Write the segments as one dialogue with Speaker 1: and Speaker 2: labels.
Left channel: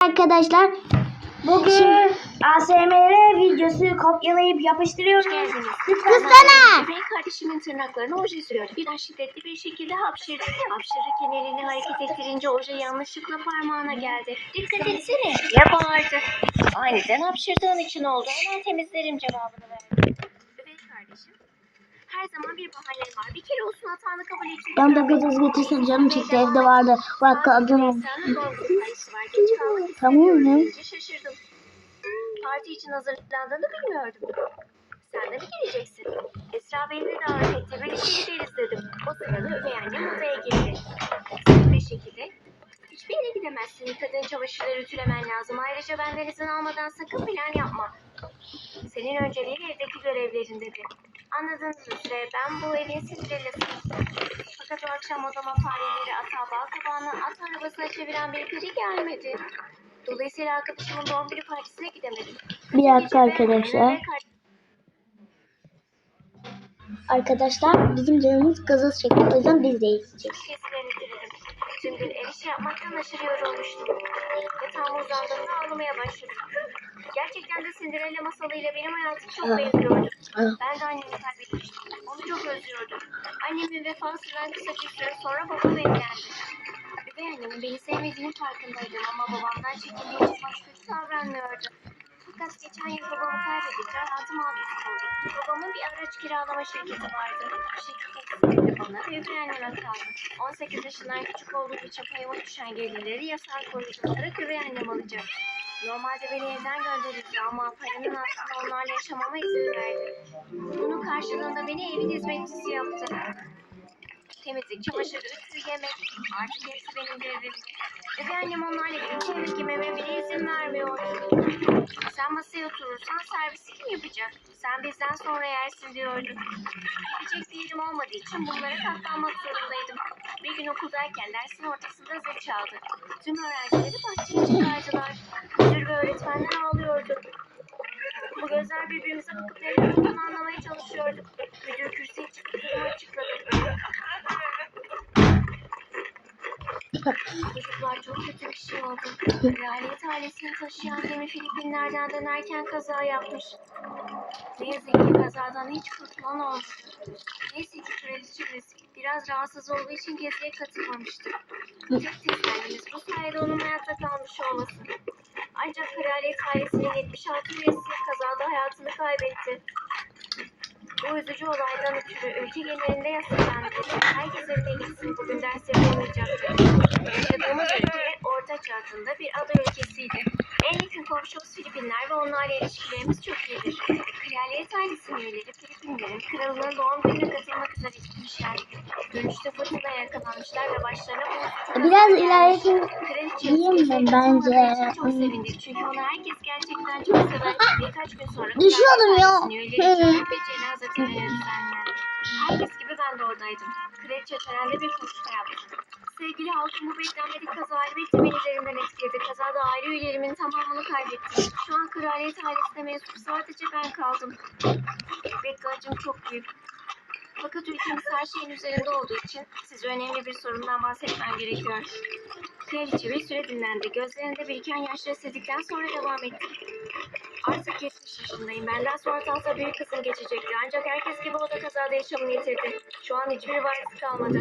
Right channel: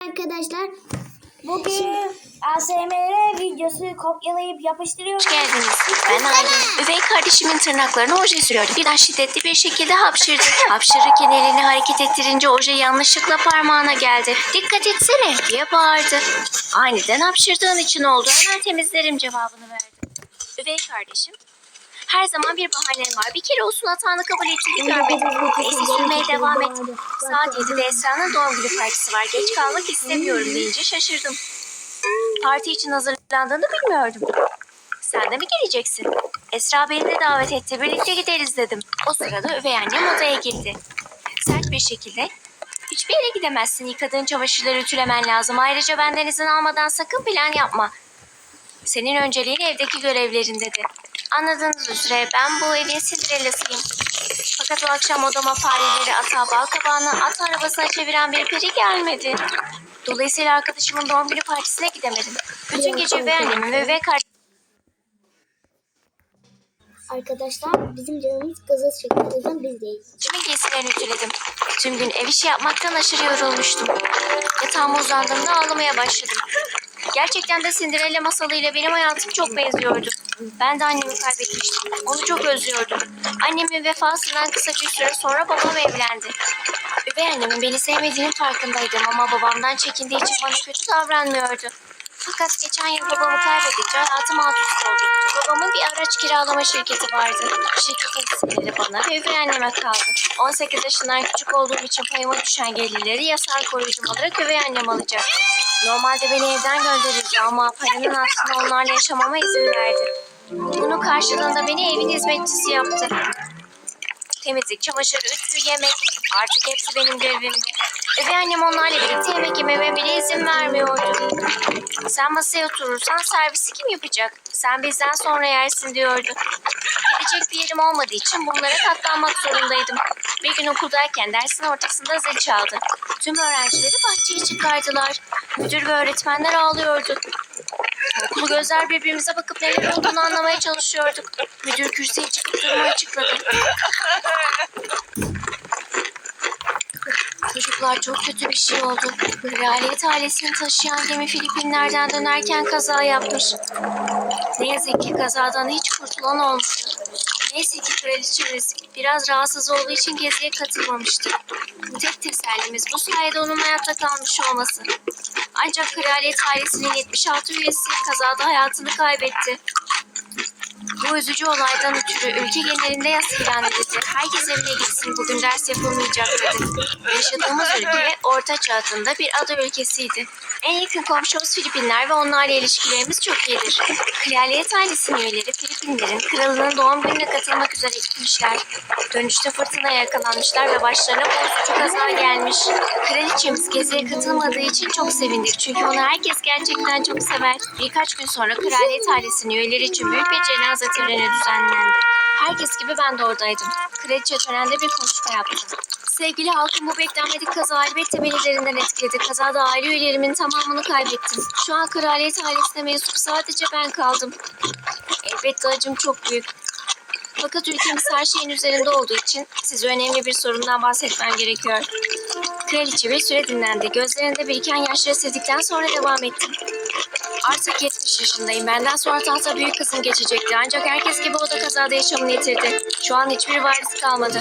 Speaker 1: Arkadaşlar
Speaker 2: Bugün ASMR videosu kopyalayıp yapıştırıyoruz.
Speaker 3: Hoş geldiniz. Ben. Üvey kardeşimin tırnaklarına oje sürüyordu. Birden şiddetli bir şekilde hapşırdı. Hapşırırken elini hareket ettirince oje yanlışlıkla parmağına geldi. Dikkat etsene diye bağırdı. Aniden hapşırdığın için oldu. Hemen temizlerim cevabını verdi. Üvey kardeşim. Her zaman bir bahanen var. Bir kere olsun hatanı kabul
Speaker 1: ben
Speaker 3: ettiğini
Speaker 1: de
Speaker 3: görmedim. gitmeye
Speaker 1: çiftliğinde
Speaker 3: devam.
Speaker 1: Bak
Speaker 3: Saat 7'de
Speaker 1: kadın.
Speaker 3: Esra'nın doğum günü partisi var. Geç kalmak istemiyorum deyince şaşırdım. Parti için hazırlandığını bilmiyordum. Sen de mi geleceksin? Esra beni de davet etti. Birlikte gideriz dedim. O sırada üvey annem odaya girdi. Sert bir şekilde hiçbir yere gidemezsin. Yıkadığın çamaşırları ütülemen lazım. Ayrıca benden izin almadan sakın plan yapma. Senin önceliğin evdeki görevlerin dedi. Anladığınız üzere ben bu evin Cinderella'sıyım. Fakat o akşam odama fareleri ata bal kabağını at arabasına çeviren bir peri gelmedi. Dolayısıyla arkadaşımın doğum günü partisine gidemedim. Bütün gece beğendim
Speaker 1: arkadaşlar.
Speaker 3: ve kardeşim
Speaker 1: Arkadaşlar bizim canımız gazoz çekti. O yüzden biz değil.
Speaker 3: Kimin giysilerini ütüledim. Tüm gün ev işi yapmaktan aşırı yorulmuştum. Yatağıma uzandığımda ağlamaya başladım. Gerçekten de Cinderella masalıyla benim hayatım çok benziyordu. Ben de annemi kaybetmiştim. Onu çok özlüyordum. Annemin vefasından kısa bir süre sonra babam evlendi. Üvey annemin beni sevmediğinin farkındaydım ama babamdan çekindiği için bana kötü davranmıyordu. Fakat geçen yıl babamı kaybedince hayatım alt üst oldu. Babamın bir araç kiralama şirketi vardı. Şirketin kısımları bana ve üvey anneme kaldı. 18 yaşından küçük olduğum için payıma düşen gelirleri yasal koruyucum olarak üvey annem alacak. Normalde beni evden gönderirdi ama paranın aksine onlarla yaşamama izin verdi. Bunun karşılığında beni evin hizmetçisi yaptı. Temizlik, çamaşır, ütü, yemek artık hepsi benim görevimdi. Üvey annem onlarla birlikte yemek yememe bile izin vermiyordu. Sen masaya oturursan servisi kim yapacak? Sen bizden sonra yersin diyordu. Gidecek bir yerim olmadığı için bunlara katlanmak zorundaydım. Bir gün okuldayken dersin ortasında zil çaldı. Tüm öğrencileri bahçeye çıkardılar. Müdür ve öğretmenler ağlıyordu. Okulu gözler birbirimize bakıp neler olduğunu anlamaya çalışıyorduk. Müdür kürsüye çıkıp durumu açıkladı. Çocuklar çok kötü bir şey oldu. Kraliyet ailesini taşıyan gemi Filipinler'den dönerken kaza yapmış. Ne yazık ki kazadan hiç kurtulan olmadı. Neyse ki kraliçemiz biraz rahatsız olduğu için geziye katılmamıştı. Tek tesellimiz bu sayede onun hayatta kalmış olması. Ancak kraliyet ailesinin 76 üyesi kazada hayatını kaybetti. Bu üzücü olaydan ötürü ülke genelinde yas ilan edildi. Herkes evine gitsin bugün ders yapılmayacak dedi. Yaşadığımız ülke Orta Çağ'ında bir ada ülkesiydi. En yakın komşumuz Filipinler ve onlarla ilişkilerimiz çok iyidir. Kraliyet ailesinin üyeleri Filipinlerin kralının doğum gününe katılmak üzere gitmişler. Dönüşte fırtınaya yakalanmışlar ve başlarına bozucu kaza gelmiş. Kraliçemiz geziye katılmadığı için çok sevindik. Çünkü onu herkes gerçekten çok sever. Birkaç gün sonra kraliyet ailesinin üyeleri için büyük bir cenaze düzenlendi. Herkes gibi ben de oradaydım. Kraliçe törende bir konuşma yaptı. Sevgili halkım bu beklenmedik kaza elbette beni derinden etkiledi. Kazada aile üyelerimin tamamını kaybettim. Şu an kraliyet ailesine mensup sadece ben kaldım. Elbette acım çok büyük. Fakat ülkemiz her şeyin üzerinde olduğu için size önemli bir sorundan bahsetmem gerekiyor. Kraliçe bir süre dinlendi. Gözlerinde biriken yaşları sildikten sonra devam etti. Artık 70 yaşındayım. Benden sonra tahta büyük kızım geçecekti. Ancak herkes gibi o da kazada yaşamını yitirdi. Şu an hiçbir varis kalmadı.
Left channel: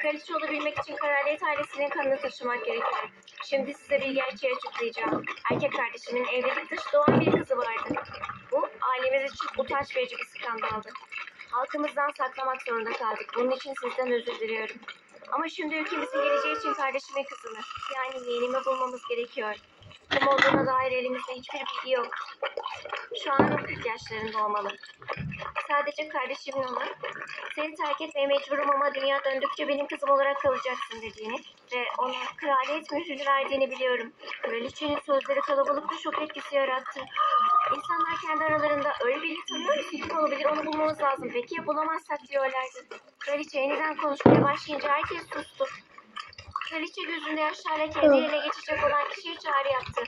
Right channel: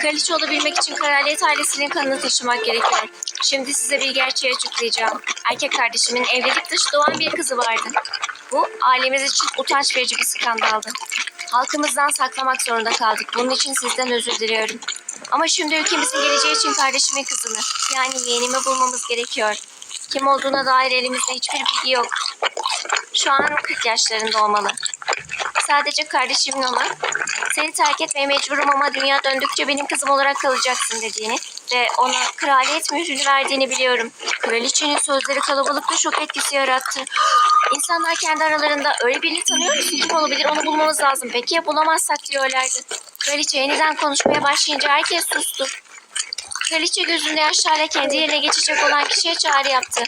Speaker 3: Kraliçe olabilmek için kraliyet ailesinin kanını taşımak gerekiyor. Şimdi size bir gerçeği açıklayacağım. Erkek kardeşimin evlilik dışı doğan bir kızı vardı. Bu ailemiz için utanç verici bir skandaldı. Halkımızdan saklamak zorunda kaldık. Bunun için sizden özür diliyorum. Ama şimdi ülkemizin geleceği için kardeşimin kızını, yani yeğenimi bulmamız gerekiyor. Kim olduğuna dair elimizde hiçbir bilgi yok. Şu an 40 yaşlarında olmalı. Sadece kardeşimin ona seni terk etmeye mecburum ama dünya döndükçe benim kızım olarak kalacaksın dediğini ve ona kraliyet mührünü verdiğini biliyorum. Kraliçenin sözleri kalabalıkta şok etkisi yarattı. İnsanlar kendi aralarında öyle birini tanıyor musun? Kim olabilir? Onu bulmamız lazım. Peki ya bulamazsak diyorlardı. Kraliçe yeniden konuşmaya başlayınca herkes sustu. Kraliçe gözünde yaşlarla kendi yerine geçecek olan kişiye çağrı yaptı.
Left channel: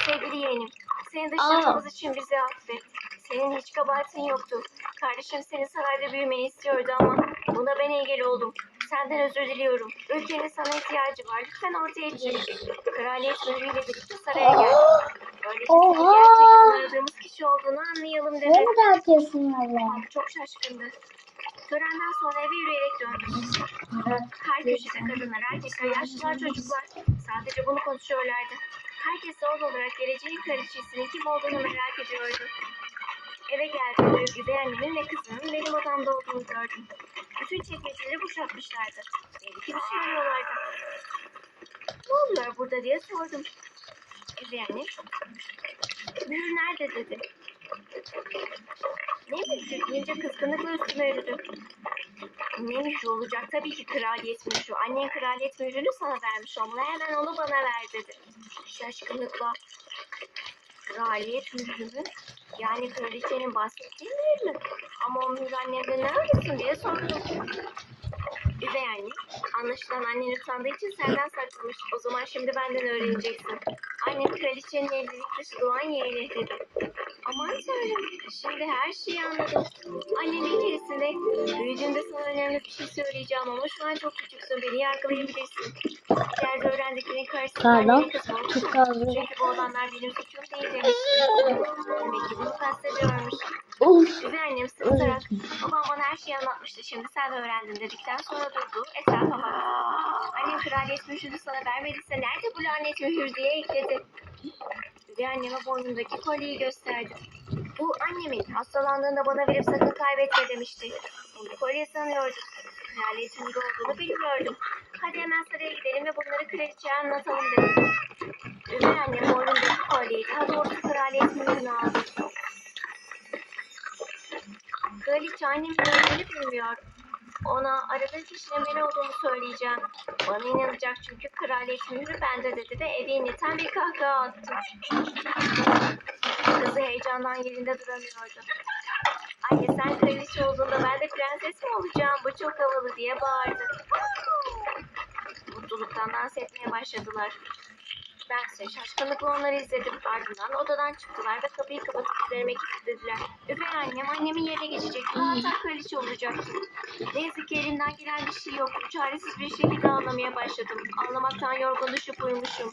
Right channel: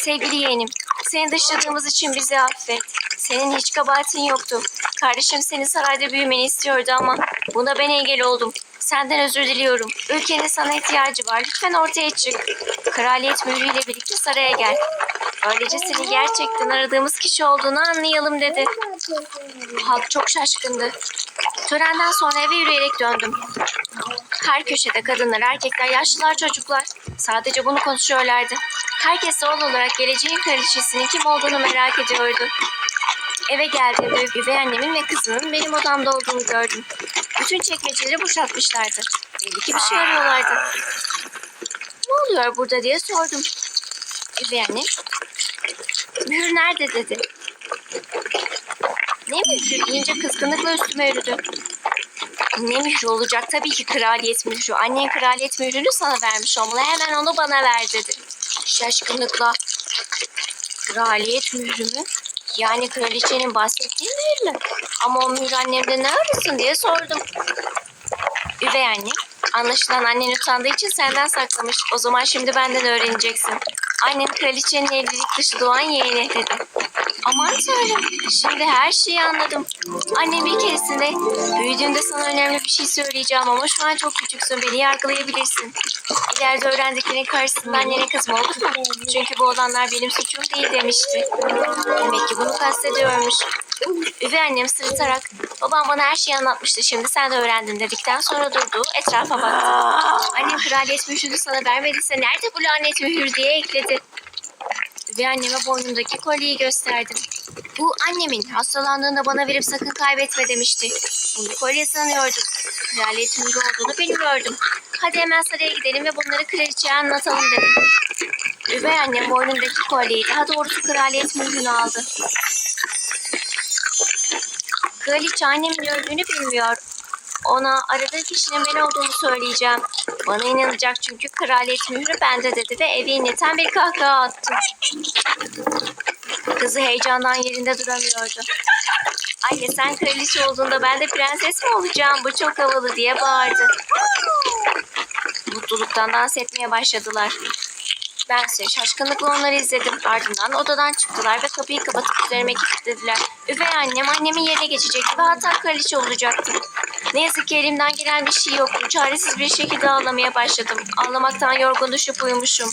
Speaker 3: Sevgili yeğenim, seni dışladığımız için bizi affet. Senin hiç kabahatin yoktu. Kardeşim senin sarayda büyümeni istiyordu ama buna ben engel oldum. Senden özür diliyorum. Ülkenin sana ihtiyacı var. Lütfen ortaya çık. Kraliyet mührüyle birlikte saraya gel. Böylece seni
Speaker 1: Oha!
Speaker 3: gerçekten aradığımız kişi olduğunu anlayalım
Speaker 1: Ne
Speaker 3: dedi.
Speaker 1: kadar kesin var ya.
Speaker 3: Halk çok şaşkındı. Törenden sonra eve yürüyerek döndüm. Her köşede kadınlar, erkekler, yaşlılar, çocuklar. Sadece bunu konuşuyorlardı. Herkes doğal olarak geleceğin kraliçesinin kim olduğunu merak ediyordu. Eve geldiğimde üvey annemin ve kızımın benim odamda olduğunu gördüm. Bütün çekmeceleri boşaltmışlardı. Belli ki bir şey arıyorlardı. Ne oluyor burada diye sordum. Üvey annem, mühür nerede dedi. Ne mührü deyince kızgınlıkla üstüme yürüdü. Ne mührü olacak? Tabii ki kraliyet mührü. Annen kraliyet mührünü sana vermiş olmalı. Hemen onu bana ver dedi. Şaşkınlıkla. Kraliyet mührü mü? Yani kraliçenin bahsettiği mühür mü? Ama o mühür annemde ne arasın diye sordum. Üvey anne. Anlaşılan annen utandığı için senden saklamış. O zaman şimdi benden öğreneceksin. Annen kraliçenin evlilik dışı doğan yeğeni dedi. Aman tanrım. Şimdi her şeyi anladım. Annem bir keresinde büyüdüğümde sana önemli bir şey söyleyeceğim ama şu an çok küçüksün. Beni yargılayabilirsin. İleride öğrendiklerinin karşısında annenin kızma otur. Çünkü bu olanlar benim suçum değil demişti. Demek ki bunu kastediyormuş. Üvey annem sırıtarak babam bana her şeyi anlatmıştı şimdi sen de öğrendin dedikten sonra durdu etrafa baktı. Annem kraliyet mührünü sana vermediyse nerede bu lanet mühür diye ekledi. Üvey anneme boynundaki kolyeyi gösterdim. Bu annemin hastalandığında bana verip sakın kaybetme demişti. Bunu kolye sanıyordum. Kraliyet mührü olduğunu bilmiyordum. Hadi hemen saraya gidelim ve bunları kraliçeye anlatalım dedim. Üvey annem boynundaki kolyeyi daha doğrusu kraliyet mührünü aldı. Kraliçe annemin öldüğünü bilmiyor. Ona aradığı kişinin ben olduğumu söyleyeceğim. Bana inanacak çünkü kraliyet mührü bende dedi ve evi inleten bir kahkaha attı. Kızı heyecandan yerinde duramıyordu. Anne sen kraliçe olduğunda ben de prenses mi olacağım? Bu çok havalı diye bağırdı. Mutluluktan dans etmeye başladılar. Ben ise şaşkınlıkla onları izledim. Ardından odadan çıktılar ve kapıyı kapatıp üzerime kilitlediler. Üvey annem annemin yerine geçecekti ve hatta kraliçe olacaktı. Ne yazık ki elimden gelen bir şey yoktu. Çaresiz bir şekilde ağlamaya başladım. Ağlamaktan yorgun düşüp uyumuşum.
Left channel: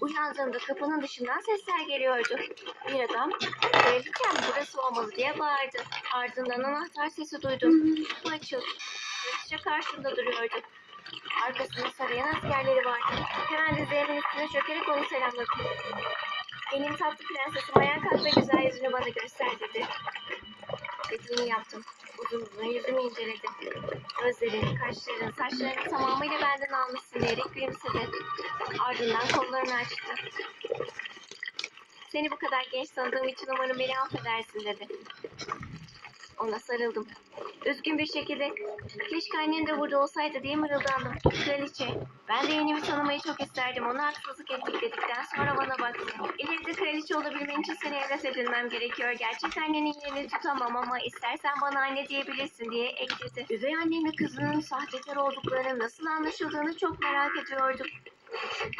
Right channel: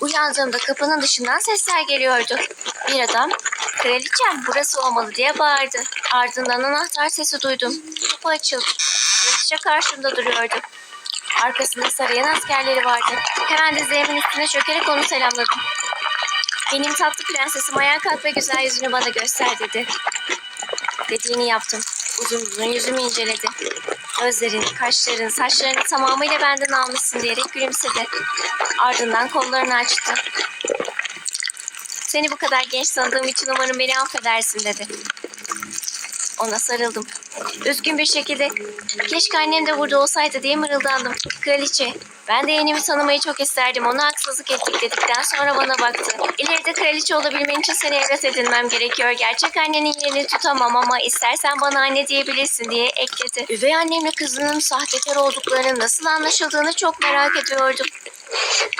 Speaker 3: Uyandığımda kapının dışından sesler geliyordu. Bir adam, kraliçem burası olmalı diye bağırdı. Ardından anahtar sesi duydum. Kapı açıldı. Kraliçe karşımda duruyordu. Arkasında sarıyan askerleri vardı. Hemen dizlerimin üstüne çökerek onu selamladım. Benim tatlı prensesim ayağa kalk ve güzel yüzünü bana göster dedi. Dediğini yaptım. Uzun uzun yüzümü inceledi. Gözlerini, kaşlarını, saçlarını tamamıyla benden almışsın diyerek gülümsedi. Ardından kollarını açtı. Seni bu kadar genç sanadığım için umarım beni affedersin dedi. Ona sarıldım. Üzgün bir şekilde keşke annem de burada olsaydı diye mırıldandım. Kraliçe, ben de yeğenimi tanımayı çok isterdim. Ona haksızlık ettik dedikten sonra bana baktı. İleride kraliçe olabilmen için seni evlat edinmem gerekiyor. Gerçek annenin yerini tutamam ama istersen bana anne diyebilirsin diye ekledi. Üvey annemle kızının sahtekar olduklarının nasıl anlaşıldığını çok merak ediyordum.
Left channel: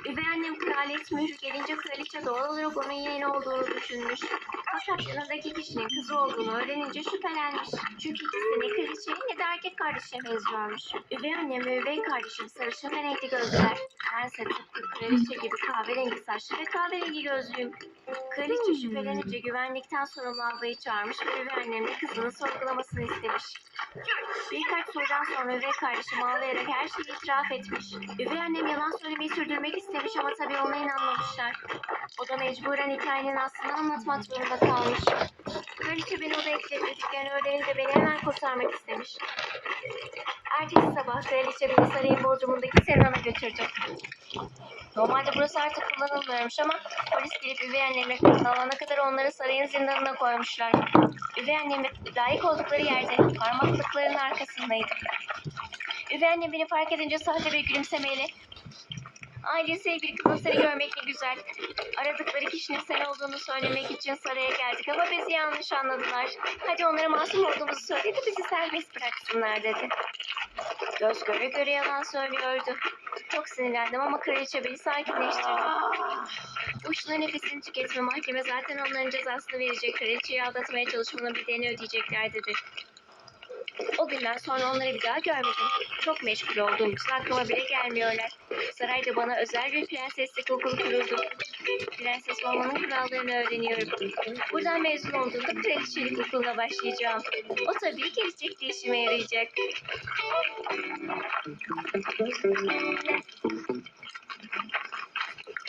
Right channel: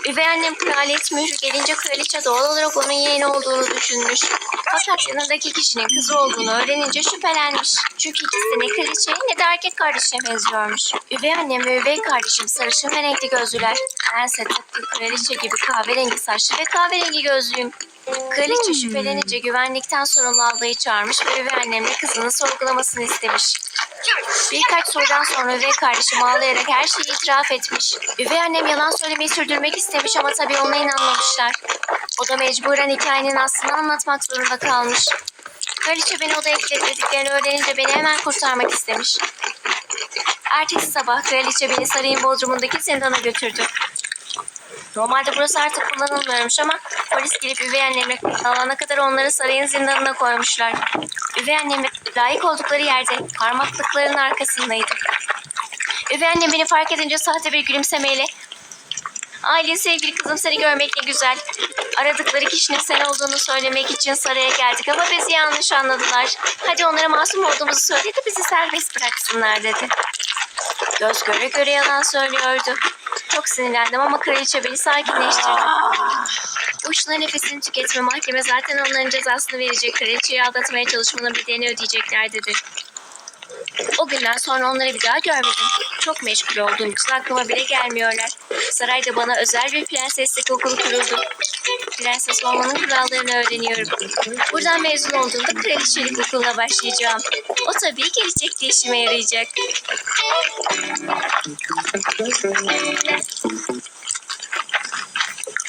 Speaker 3: Üvey annem kraliyet mührü gelince kraliçe doğal olarak onun yeğeni olduğunu düşünmüş. Fakat yanındaki kişinin kızı olduğunu öğrenince şüphelenmiş. Çünkü ikisi ne kraliçeye ne de erkek kardeşine benziyormuş. Üvey annem ve üvey kardeşim sarışın ve renkli gözlüler. Bense tıpkı kraliçe gibi kahverengi saçlı ve kahverengi gözlüyüm. Kraliçe şüphelenince güvenlikten sorumlu ablayı çağırmış ve üvey annemle kızını sorgulamasını istemiş. Birkaç sorudan sonra üvey kardeşim ağlayarak her şeyi itiraf etmiş. Üvey annem yalan söylemeyi sürdürmek istemiş ama tabii ona inanmamışlar. O da mecburen hikayenin aslını anlatmak zorunda kalmış. Kraliçe beni odaya kilitlediklerini öğrenince beni hemen kurtarmak istemiş. Ertesi sabah kraliçe beni sarayın bodrumundaki zindan'a götürdü. Normalde burası artık kullanılmıyormuş ama polis gelip üvey annemle alana kadar onları sarayın zindanına koymuşlar. Üvey annemle layık oldukları yerde parmaklıkların arkasındaydı. Üvey annem beni fark edince sahte bir gülümsemeyle Aile sevgili kızım seni görmek ne güzel. Aradıkları kişinin sen olduğunu söylemek için saraya geldik ama bizi yanlış anladılar. Hadi onlara masum olduğumuzu söyle de bizi serbest bıraksınlar dedi. Göz göre göre yalan söylüyordu. Çok sinirlendim ama kraliçe beni sakinleştirdi. Boşuna nefesini tüketme mahkeme zaten onların cezasını verecek. Kraliçeyi aldatmaya çalışmanın bedelini ödeyecekler dedi. O günden sonra onları bir daha görmedim. Çok meşgul olduğum için aklıma bile gelmiyorlar. Sarayda bana özel bir prenseslik okulu kuruldu. Prenses olmanın kurallarını öğreniyorum. Buradan mezun olduğumda kraliçelik okuluna başlayacağım. O tabii gelecekte işime yarayacak.